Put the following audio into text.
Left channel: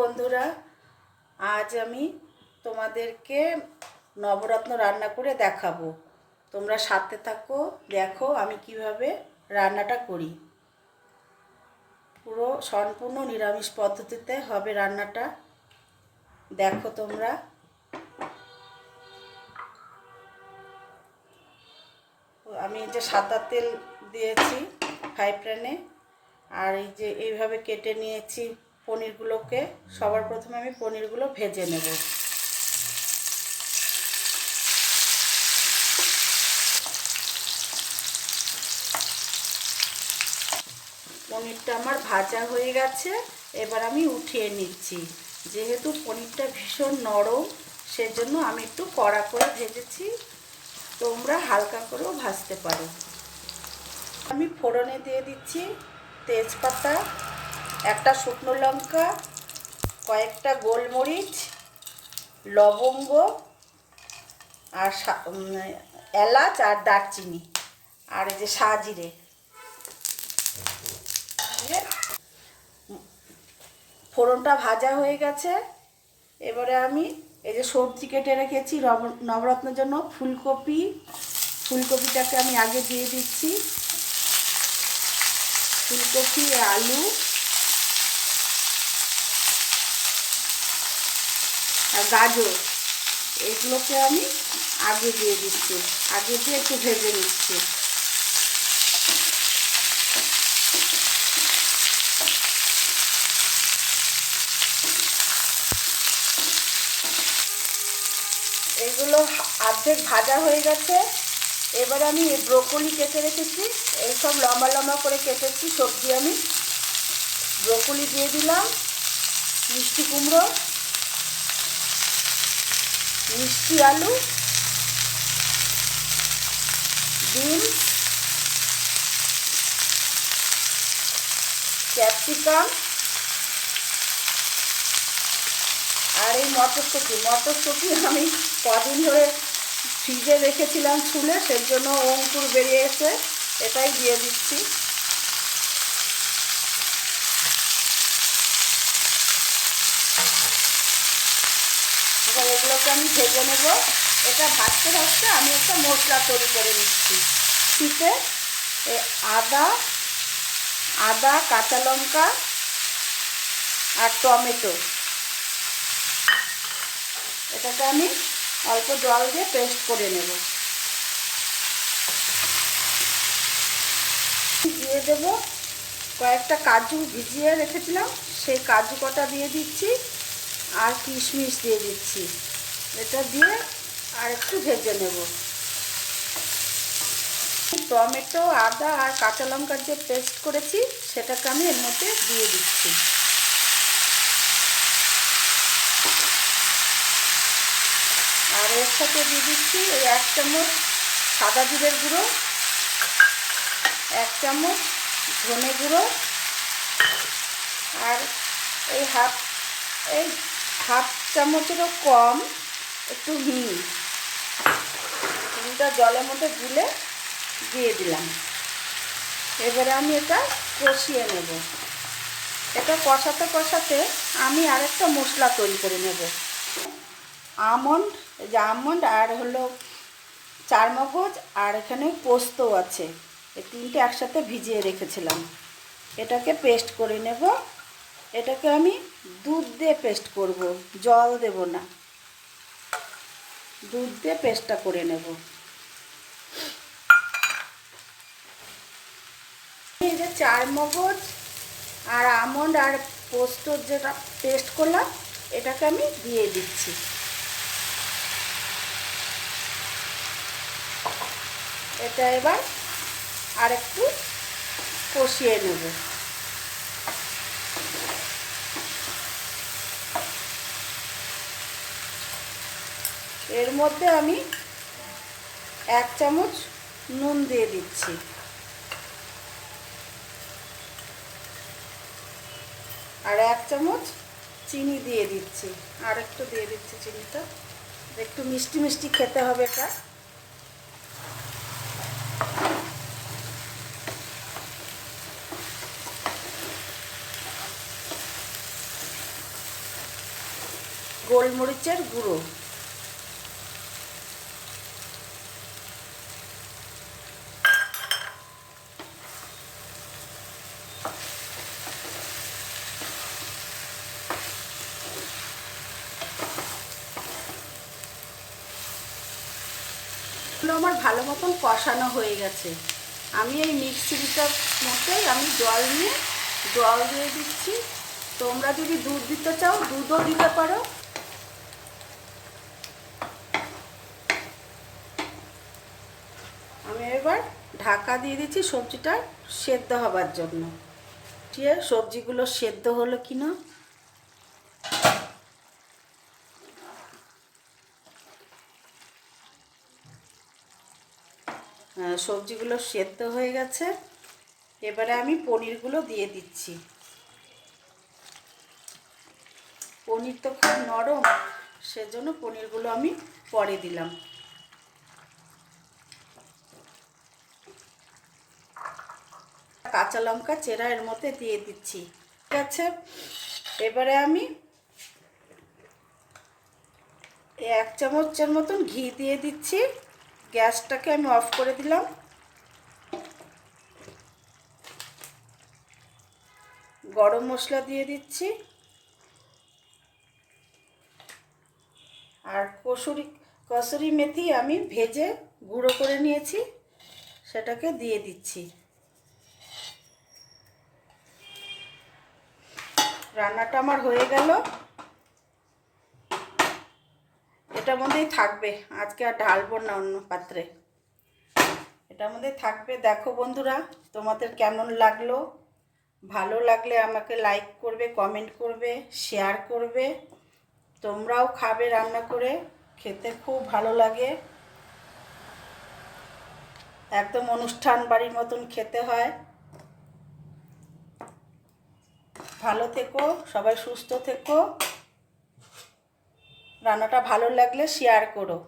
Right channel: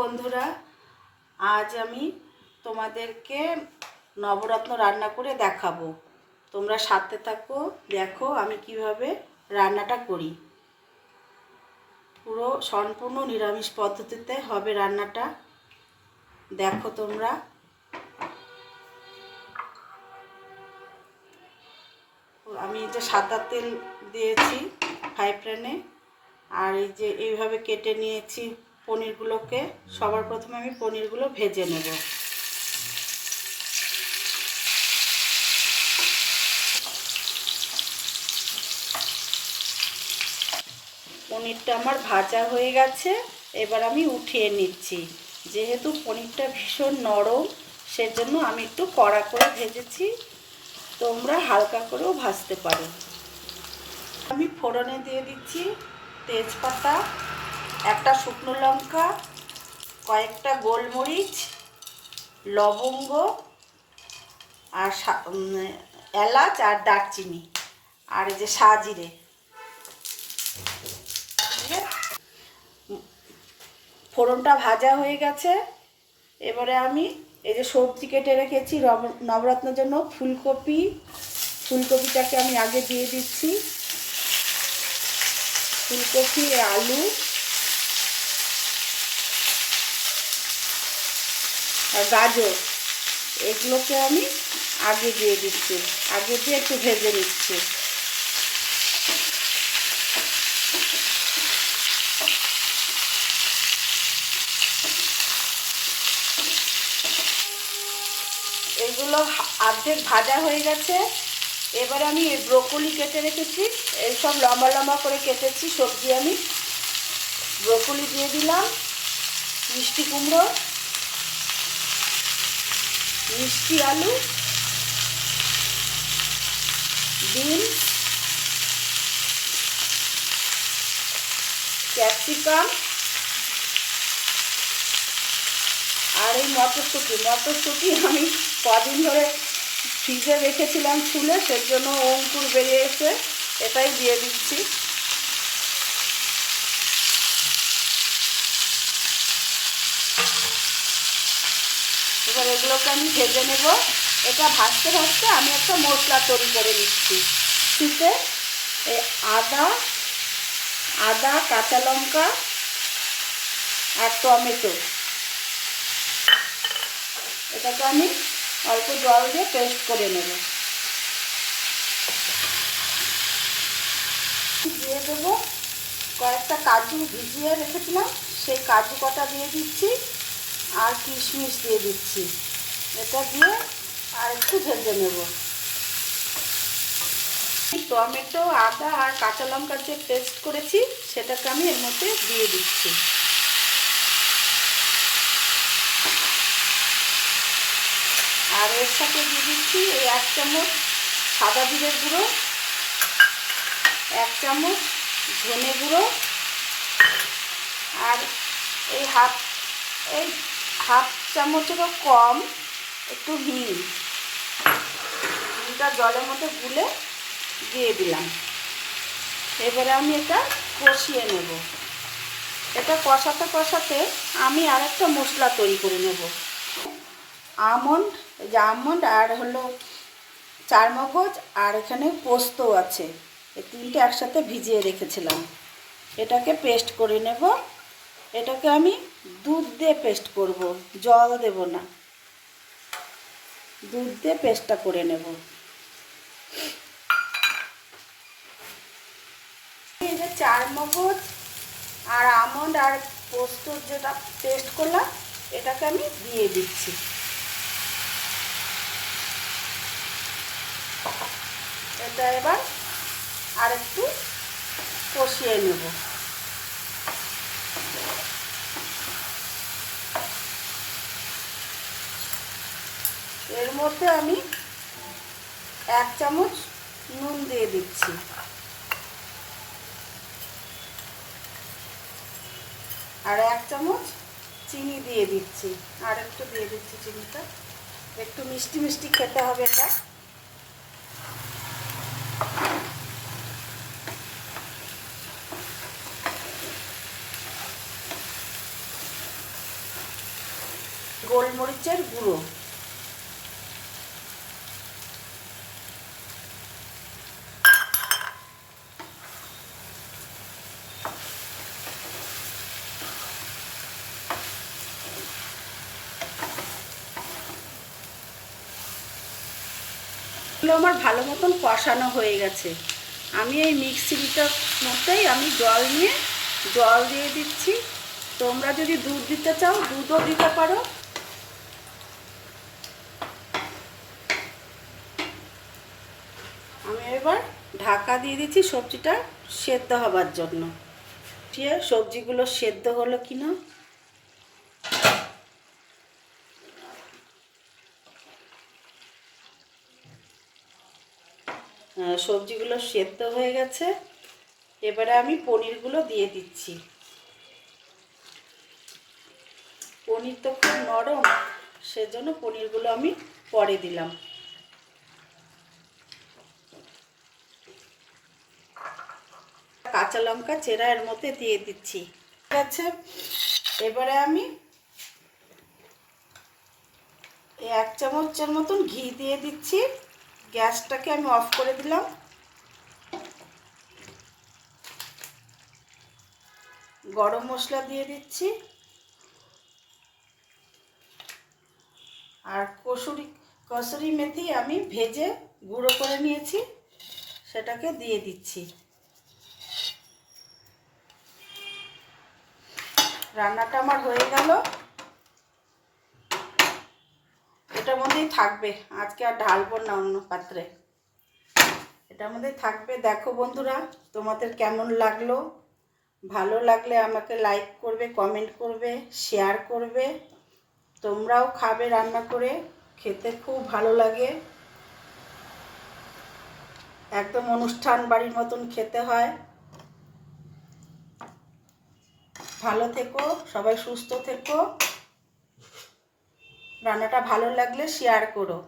বন্ধুরা, আজ আমি তোমাদেরকে নবরত্ন রান্না করে দেখাবো। তোমরা সাথে থাকো, দেখো আমি কিভাবে রান্নাটা করি। পুরো সম্পূর্ণ নিরামিষ পদ্ধতিতে হবে রান্নাটা, দেখো তোমরা। আমি এই যে সাদা তেল দিয়েছি ফ্রাই প্যানে, আর এই যে এইভাবে কেটে নিয়েছি পনিরগুলোকে। সবার প্রথমে আমি পনিরগুলো ভেজে নেব। পনিরটা আমার ভাজা হয়ে গেছে, এবার আমি উঠিয়ে নিচ্ছি। যেহেতু পনিরটা ভীষণ নরম, সেজন্য আমি একটু কড়া করে ভেজেছি, তোমরা হালকা করেও ভাজতে পারো। আমি ফোড়নে দিয়ে দিচ্ছি তেজপাতা, একটা শুকনো লঙ্কা, কয়েকটা গোলমরিচ, লবঙ্গ, আর এলাচ আর দারচিনি, আর এই যে সাজিরে। ফোড়নটা ভাজা হয়ে গেছে, এবারে আমি এই যে সবজি কেটে রেখেছি নবরত্নের জন্য, ফুলকপিটাকে আমি আগে দিয়ে দিচ্ছি। ফুলকপি, আলু আর গাজর, এগুলোকে আমি আগে দিয়ে দিচ্ছি, আগে দিয়ে একটু ভেজে নিচ্ছি। এগুলো অর্ধেক ভাজা হয়ে গেছে, এবারে আমি ব্রোকলি কেটে রেখেছি, এইসব লম্বা লম্বা করে কেটেছি সবজি। আমি ব্রোকলি দিয়ে দিলাম, মিষ্টি কুমড়ো, মিষ্টি আলু, বিন, ক্যাপসিকাম, আর এই মটরশুঁটি আমি কদিন ধরে ফ্রিজে রেখেছিলাম ছুলে, সেই জন্য অঙ্কুর বেরিয়ে এসে এটাই দিয়ে দিচ্ছি। এবার এগুলোকে আমি ভেজে নেব। এটা ভাজতে ভাজতে আমি একটা মশলা তৈরি করে নিচ্ছি। শীতে আদা, কাঁচা লঙ্কা আর টমেটো, এটাকে আমি অল্প জল দিয়ে পেস্ট করে নেব। দিয়ে দেব কয়েকটা কাজু ভিজিয়ে রেখেছিলাম, সেই কাজু কটা দিয়ে দিচ্ছি, আর কিশমিশ দিয়ে দিচ্ছি। এটা দিয়ে আর একটু ভেজে নেব। টমেটো, আদা আর কাঁচা লঙ্কার যে পেস্ট করেছি, সেটাকে আমি এর মধ্যে দিয়ে দিচ্ছি। আর এর সাথে দিয়ে দিচ্ছি এই 1 চামচ সাদা জিরের গুঁড়ো, 1 চামচ ধনে গুঁড়ো, আর এই হাফ চামচেরও কম একটু হিংটা জলের মধ্যে গুলে দিয়ে দিলাম। এবারে আমি এটা কষিয়ে নেব। এটা কষাতে কষাতে আমি আর একটা মশলা তৈরি করে নেব। আমন্ড আর হলো চারমগজ, আর এখানে পোস্ত আছে, এই তিনটে একসাথে ভিজিয়ে রেখেছিলাম। এটাকে পেস্ট করে নেব। এটাকে আমি দুধ দিয়ে পেস্ট করব, জল দেব না, দুধ দিয়ে পেস্টটা করে নেব। এই যে চারমগজ আর আমন্ড আর পোস্তর যেটা পেস্ট করলাম, এটাকে আমি দিয়ে দিচ্ছি। এটা এবার আর একটু কষিয়ে নেব। এর মধ্যে আমি 1 চামচ নুন দিয়ে দিচ্ছি, আর 1 চামচ চিনি দিয়ে দিচ্ছি, আর একটু দিয়ে দিচ্ছি চিনিটা, একটু মিষ্টি মিষ্টি খেতে হবে এটা। গোলমরিচের গুঁড়ো, এগুলো আমার ভালো মতন কষানো হয়ে গেছে। আমি এই মিক্সিটার মধ্যেই আমি জল দিয়ে দিচ্ছি। তোমরা যদি দুধ দিতে চাও দুধও দিতে পারো। আমি এবার ঢাকা দিয়ে দিচ্ছি সবজিটা সেদ্ধ হবার জন্য। সবজিগুলো সেদ্ধ হলো কিনা, সবজিগুলো সেদ্ধ হয়ে গেছে। এবারে আমি পনিরগুলো দিয়ে দিচ্ছি। পনির তো খুব নরম, সেজন্য পনিরগুলো আমি পরে দিলাম। কাঁচা লঙ্কা চেরা এর মধ্যে দিয়ে দিচ্ছি। ঠিক আছে, এবারে আমি 1 চামচের মতন ঘি দিয়ে দিচ্ছি। গ্যাসটাকে আমি অফ করে দিলাম। গরম মশলা দিয়ে দিচ্ছি, আর কসুরি মেথি আমি ভেজে গুঁড়ো করে নিয়েছি, সেটাকে দিয়ে দিচ্ছি। রান্নাটা আমার হয়ে গেল। এটার মধ্যেই থাকবে, আজকে আর ঢালবো না অন্য পাত্রে, এটার মধ্যেই থাকবে। দেখো বন্ধুরা, তোমাদের কেমন লাগলো? ভালো লাগলে আমাকে লাইক করবে, কমেন্ট করবে, শেয়ার করবে। তোমরাও খাবে রান্না করে, খেতে খুব ভালো লাগে। একদম অনুষ্ঠান বাড়ির মতন খেতে হয়। ভালো থেকো, সবাই সুস্থ থেকো। রান্নাটা ভালো লাগলে শেয়ার করো।